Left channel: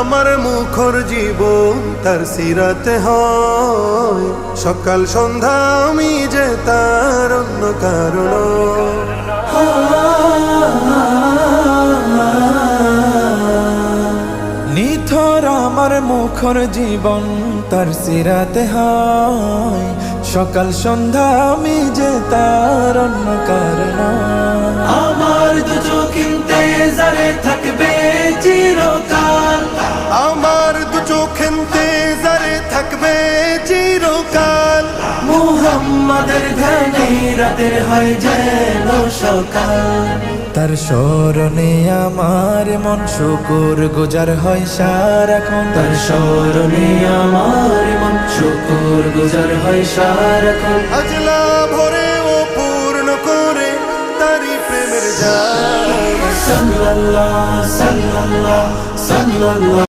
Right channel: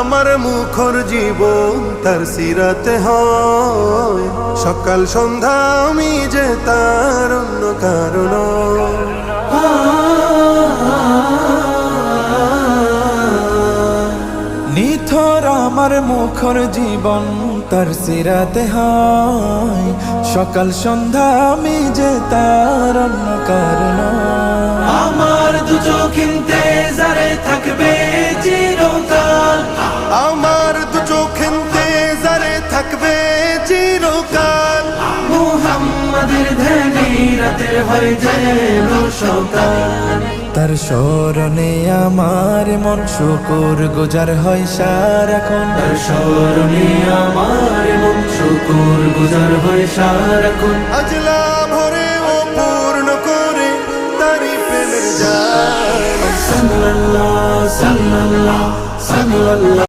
আমার মুখর জীবন তার সিরাতে হয়, সকাল সন্ধ্যা আমি যে তার অন্য কারণ। নিথর আমার মুখর জীবন তার সিরাতে হয়, সকাল সন্ধ্যা আমি যে তার অন্য কারণ। আমার দু চোখ ইন্তেজারে থাকবে চিরকাল, আমার দু চোখ ইন্তেজারে থাকবে চিরকাল। মুহাম্মাদের ধ্যানে রাতের হয় যেন সকাল, তার স্মরণে আমার মন শুকুর গুজার হয় সারাক্ষণ। তার স্মরণে আমার মন শুকুর গুজার হয় সারাক্ষণ। আজলা ভরে ও পূর্ণ করে তারি প্রেমের জাম। সাল্লাল্লাহু সাল্লাল্লাহু সাল্লাল্লাহু